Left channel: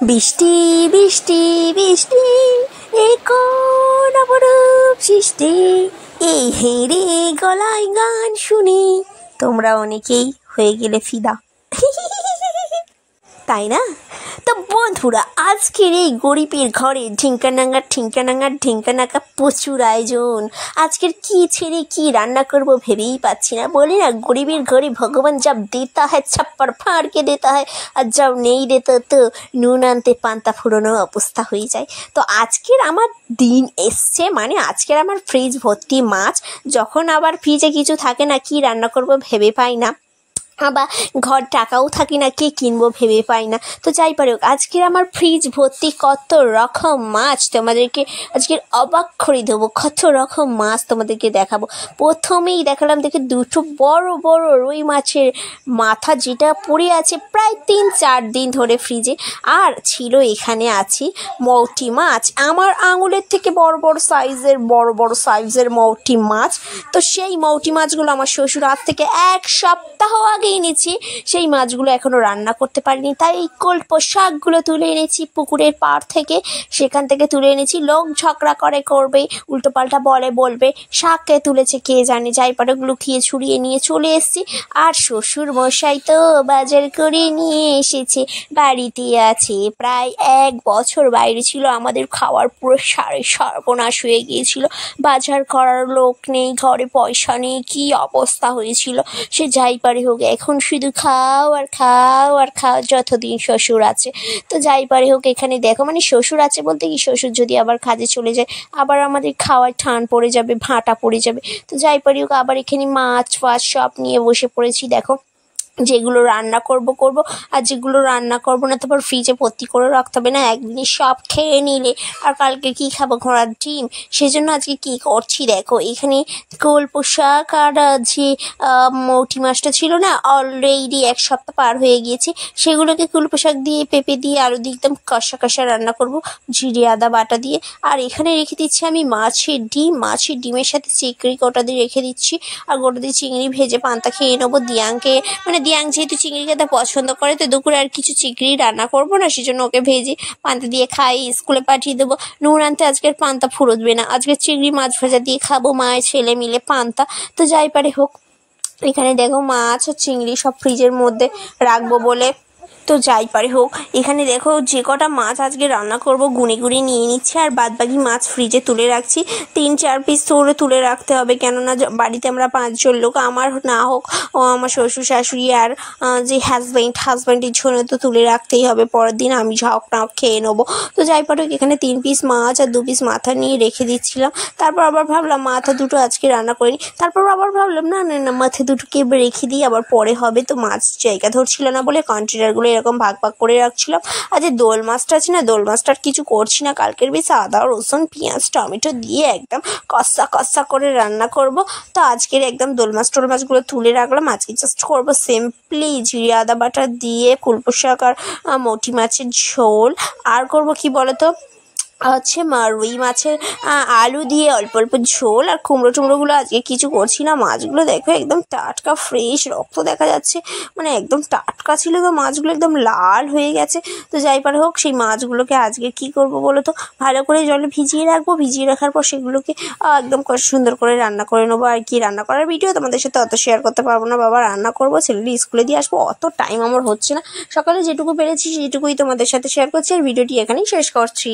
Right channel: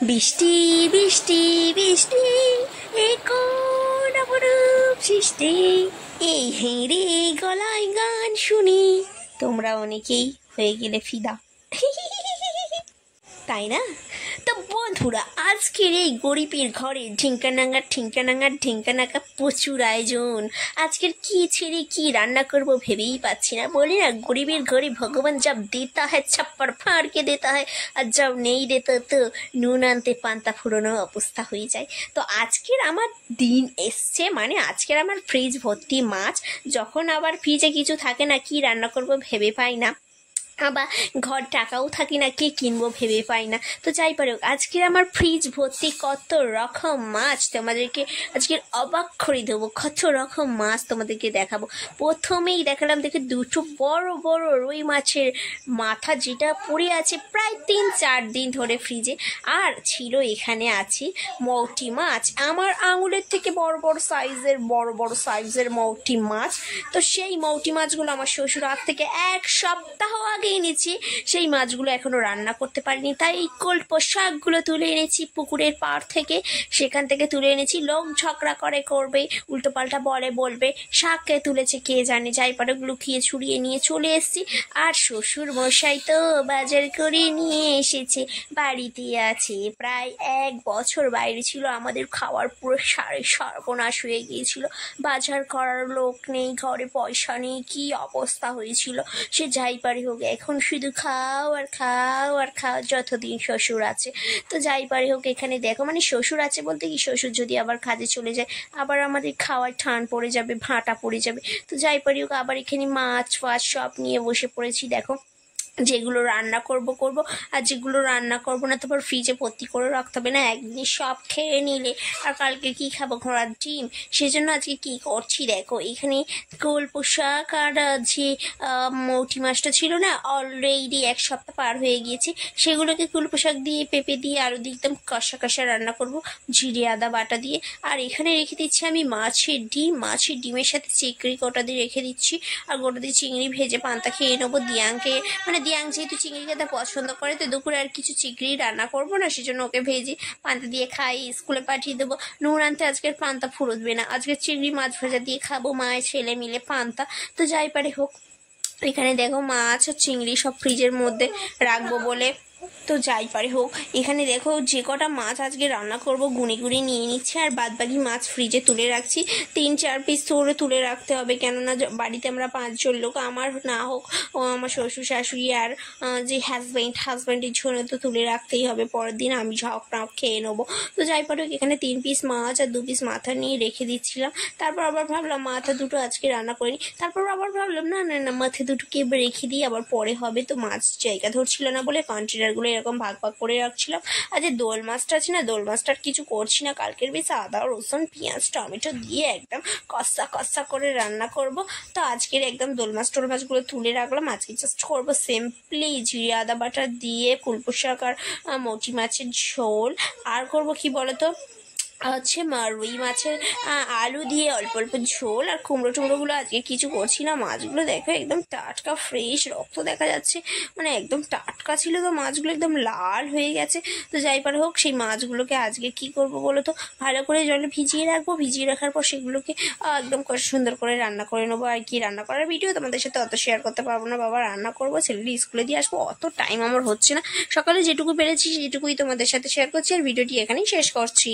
বৃষ্টি বৃষ্টি বৃষ্টি এ কোন অপরূপ সৃষ্টি, এই হেঁড়ে গলায় গান শুনে তোমরা অনেকেই হয়ে গেলে ফিদা, তাই না? তো বন্ধুরা, আজকের এই গরিবের ঘরে ঢিঙ্কানাঙ্গা প্রচুর আয়োজন। আজকের কি ছেড়ে কি রান্না করব ভেবেই পাচ্ছি না। বলি না, গরিবের ঘরে ভগবান जब देता है छप्पर फाड़ के देता है, আর जब नहीं देता তো নুন আনতে পান্তা ফুরোনো অবস্থা হয়ে যায়। তো আজকের আমার দিন এসছে, মানে আজকের আমার ফ্রিজ ভর্তি মাছ। যখন আবার ফ্রিজে কিছু থাকে না, কি রান্না করব ভেবে পাই না, আবার ঘর টাকাও থাকি না, কে কিনবো ভেবে পাই না। তো যাই পারে হোক, আজকের আমার ফ্রিজ ভর্তি কত রকম মাছ তোমাদেরকে আজকের অবাক করে দেবো। কত রকম মাছ তোমাদেরকে দেখাবো। প্রথমেই দেখালাম দেখে দুটো বড় বড় রুই মাছের মাথা, যেটা পড়ে আছে প্রায় 3-4 দিন ধরে ফ্রিজে। আর ছিল এখানে আছে মৌটি মাছ, আমার আঙুলের থেকে বড় বড় সাইজের মৌটি মাছ। তো সেই মৌটি মাছগুলো আমার শ্বশুর আজ থেকে 1 সপ্তাহ আগে এনেছি। সেই মাছগুলো এখনো রান্না করতে পারিনি, তাই এই কল্প শাকগুলো তুলে এনেছি পুকুরের পাড় থেকে। সেখান থেকে তুলে এনেছি। লোক ঝগড়া করবে, উল্টো পাল্টা বলবে শাককে তুলেছে কে জানে, যাই পারে লুকিয়ে ছুড়িয়ে নিয়ে চলে এসেছি। আর শ্বশুর মশাই তো বাজার করে নিয়ে এসেছে, বাড়িতে আছে প্রায় 1 বছর। বাইরে ছিল, আমাদের খাওয়ার পুরো সর্বনাশ হয়ে গিয়েছিল। বাজার করার লোক নেই, ঘরে পয়সা নেই, কি অবস্থা হয়েছিল। সে যাই পারে হোক, এখন শুধু খাও আর খাও যতদিন শ্বশুর আছে। তো যাই পারে হোক, এখানে দেখো, মানে শ্বশুর আছে বলতে কি, শ্বশুর যদি আবার কাজে চলে যায়, আবার আমাদের খাওয়ার ঠান পড়ে যাবে, ভাঁটা পড়ে যাবে। তো যাই পারে হোক, আবার এখানে মাছ ফাছ সব নিয়ে বসে পড়েছি। দেখো, যেগুলো রান্না করব আর যেগুলো রান্না করব না তারপর ফ্রিজে ভর্তি করে রাখতে হবে না, একদিনে সব খেয়ে নিলে আর কালকে কি খাবো, ঘোড়ার ডিম। সেজন্য আজকে কি করছি দেখো, এখানে কল্প শাক আর যে মৌটি মাছটা ছিল না, অলরেডি 1 সপ্তাহ পার হয়ে গিয়েছে। সেগুলোকে কল্প শাক দিয়ে, পেঁপে দিয়ে, আলু দিয়ে একদম কষা রান্না করব, জিরে আদা বাটা দিয়ে। আর এখানে রেখে দিচ্ছি আমি মাছের ডিমের সাথে চিংড়ি গোটা দিয়ে রেখে দিচ্ছি। আর গোটা দিয়ে চিংড়ি ভেজে পান্তা খেয়ে নেবো। দিয়াংকে, মানে দিয়াং যেহেতু চিংড়ি খেতে পছন্দ করে, তো দুপুরে আর কিছু চিংড়ি রান্না করবো না, সেজন্য ওকে ভেজে পান্তা দিয়ে খাই, স্কুলে পাঠিয়ে দেবো। নুন আনতে আজকের পান্তা ফুরোবে না, আজকে চিংড়ি মাছ ভাজা দিয়ে খাবো, মায়ের ছেলে মিলে পান্তা। তো যাই পারে হোক, এখানে দেখো মাছ আর চিংড়ি সব ফ্রিজের মধ্যে রাখবো বলে। তো যাই পারে হোক, এখানে দেখো যে কটা মাছ আজকে রান্না করব গুনে নিয়ে নিচ্ছি, আর বাদবাকি মাছ ফ্রিজে তুলে রাখছি। 3-4 পিস করে তুলে রাখতে হবে, কেননা বাড়িতে আমরা 5 জন লোক, আমার না হোক ও আমার শ্বশুর শাশুড়ি আর যে হাজব্যান্ডের জন্য তো তুলে রাখতেই হবে। পরের দিন আমি ঝাঁক টাক খেয়ে নেবো। তো যাই পারে হোক, এখানে 3 পিস মাছ আর 2 পিস মাথা নিয়ে রেখে দিচ্ছিলাম। তারপর আবার ভাবলাম মাথা দুটো আজকে রান্না করিনি, তারপর আবার ভাবলাম না মাথা দুটোকে রেখে দিই, আবার পরে হবে। তো মাছ জায়গা ধরছিল না বলে কন্টেনারগুলো এরকম ভাগ করে রাখছিলাম। আর যে দোল মাছটা আছে না, দোল মাছটার কিছু করছি না, কালকের বেশি আদা রসুন পেঁয়াজ টমেটো দিয়ে একদম কষা করে রান্না করব। তো আজকের একদম দোল মাছগুলো তুলে রাখলাম। আজকে জাস্ট করবো সিম্পলি জিরে আদা বাটা দিয়ে কুলপো শাক আর মৌটি মাছের ঝোল। আর করব কি বলতো, হচ্ছে রুই মাছের আলু দিয়ে অল্প ঝোল। আর কুমড়োগুলো আজকে কিছু করছি না। মাছগুলো দেখো একদম টাটকা ফ্রেশ, রক্ত দেখা যাচ্ছে, মানে একদম টাটকা ছিল। তো মাছগুলো একদম লাল হয়ে গেছে। তো যাই পারে হোক, সেই মাছগুলোকে আজকে কি করব বলো তো, ভালো করে জলে ভিজিয়ে রাখবো। ভিজিয়ে রাখার পর সেগুলোকে একদম সুন্দর করে রান্না করে নেবো। আর কি রান্না করার ভিডিও তোমাদের সাথে অত শেয়ার করতে পারবো না, বাবা রান্না করবো, ছেলেটি স্কুলে দিয়ে আসবো, অত টাইম আমার হচ্ছে না। সকালে যেটুকু পেরেছি সেটুকুই তোমাদের সাথে শেয়ার করছি, আর ভিডিওটি এখানেই শেষ করছি।